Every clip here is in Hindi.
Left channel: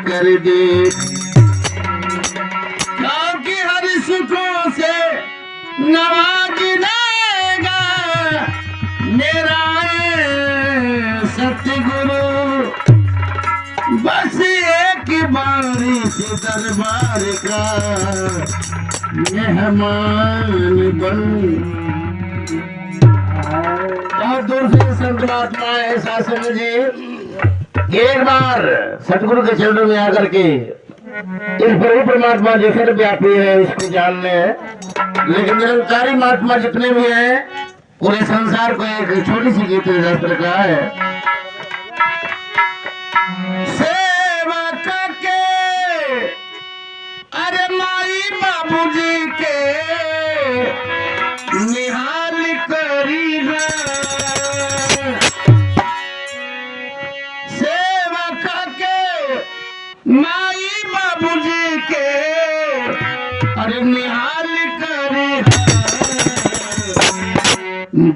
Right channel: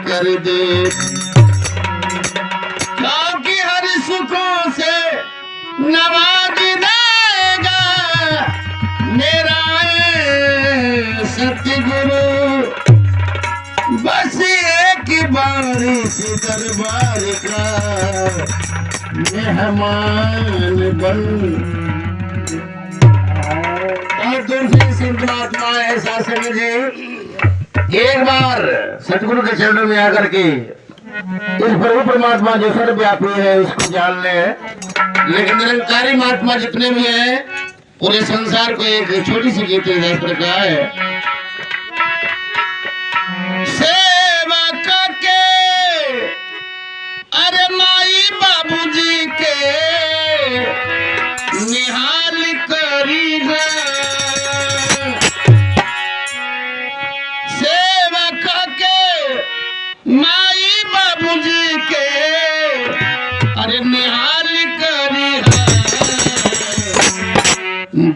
कर दे, क्योंकि हर सुखों से नवाज देगा मेरा सतगुरु। बस एक बारी से दरबार का मेहमान बन। बहुत दूर से संत महात्मा ऐसा समझे, एक बार सतगुरु के चरणों में आकर के इस प्रभु परमात्मा जो सर्वव्यापी है उसको जान ले। लेकिन निरंकारी महात्मा जितने भी हैं पूरे संसार को एक छोटी सी गीत इस प्रकार है। सेवा के अरे माई बाबूजी के निहाल करी है, सेवा के माई बाबूजी के अरे निहाल करी है।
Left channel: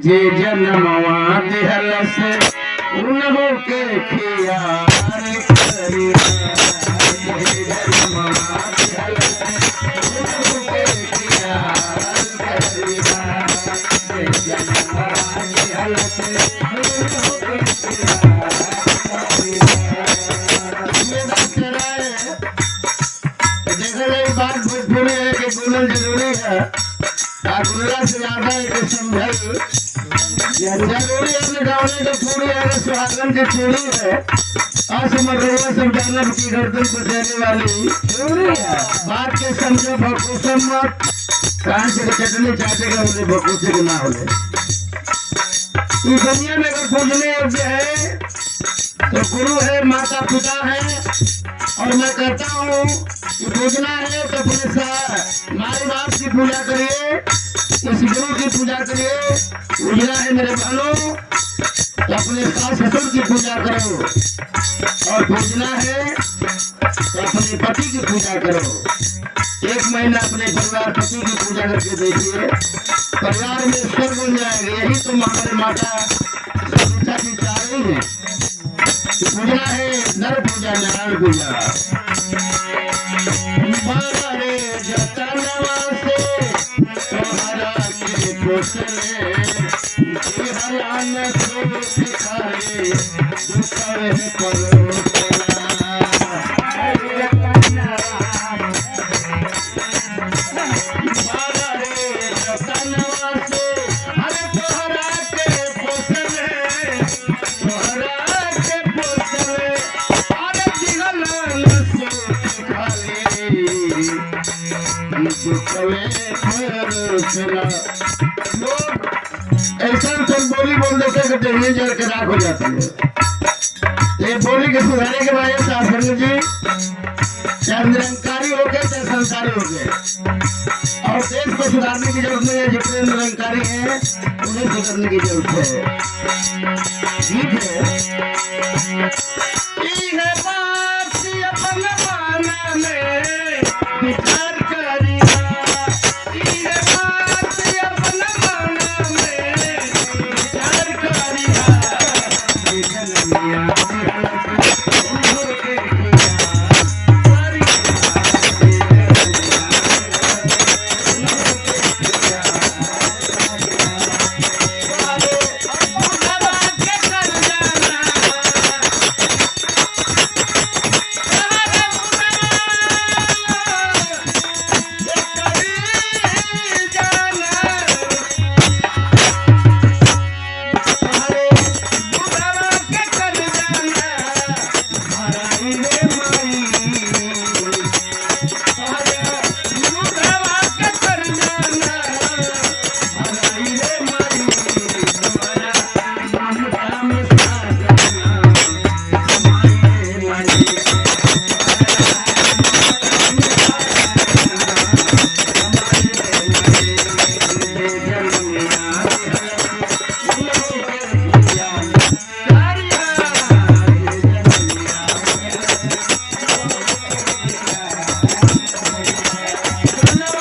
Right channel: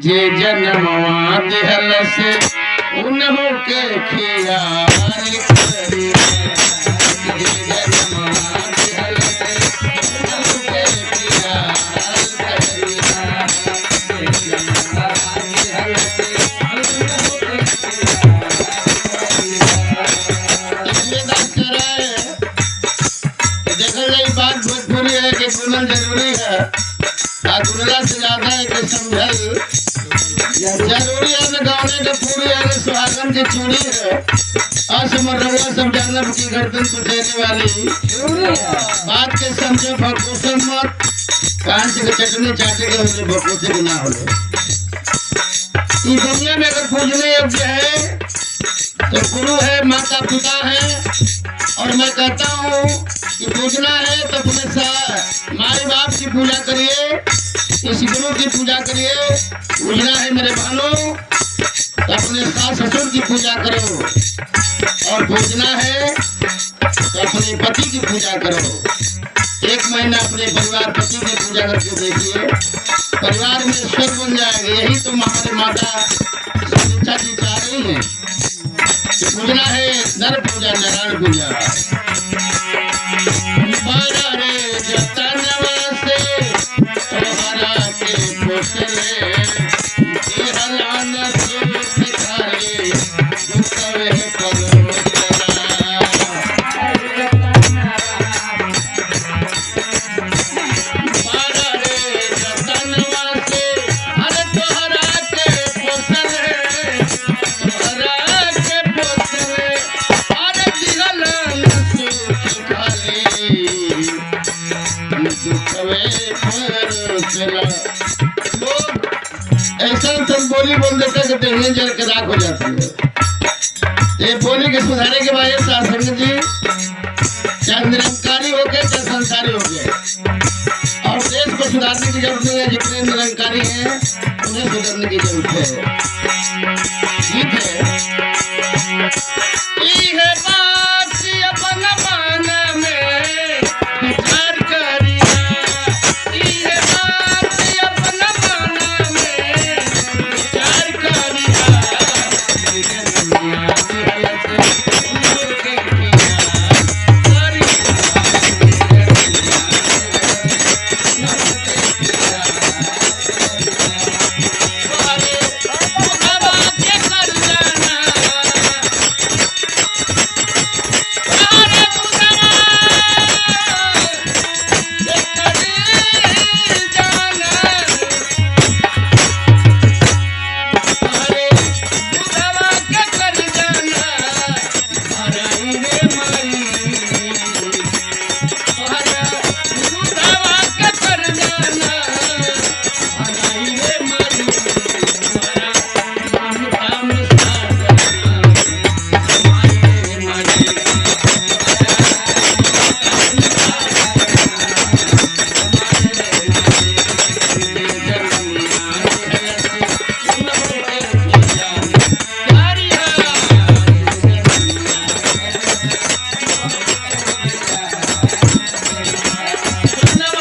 जे जन्मवा दिहल से उन्हों के खियाल करी है। जे जन्मवा दिहल से उन्हों के खियाल करी है। जे जन्मवा दिहल से उन्हों के खियाल करी है। देखा जाए बात भोजपुरी है कि गुनल जरूरी है, गुनला से ज्यादा है कि समझल जरूरी है। न गाने का पूरी है न सुहागन की चूड़ी है, असमर्थ सब जानब की गर्दन को देने वाली बात के समझो भकुसम मत। कांच की चटनी चाटेगा उसे भकुसे के ना हो। इस दुनिया में अगर पूजने योग्य है तो गुरु है, माता पिता है। और मैं कहता हूँ कि पूजना है तो अपने माई बाप की पूजा करिए, इस गुरु की पूजा करिए। पूजना है मेरे भाइयों तो अपने सास ससुर की पूजा करो, और पूजना है तो अपने पति की पूजा करो। एक महीना अपने परिवार पति की पूजा करके देखिए, परिवार में स्वर्ग बन जाएगा। यही तो हमारे माता शिक्षा जी चाह रही है। पूजना है नर पूजा नारायण पूजा। बारा रे जतनवा से तोहरा के पोसले, हलान से सिखाए दुखवे करो जना। बारा रे जतनवा से अरे तोहरा के पोसले, तोहरा के पोसले अरे जिगलान से सिखाए दुखवे करो जना। लोग ऐसा सब बोली बोल देते कि देहने जल के राख हो जाती है। ये बोली के सुधारे के बाद शासन जी चाहे निरंकारी हो गए चाहे संसारी हो गए, और देश को सुधारने की जरूरत नहीं है। जितने निरंकारी हैं उन्हें सुधारने की जरूरत है। ठीक है।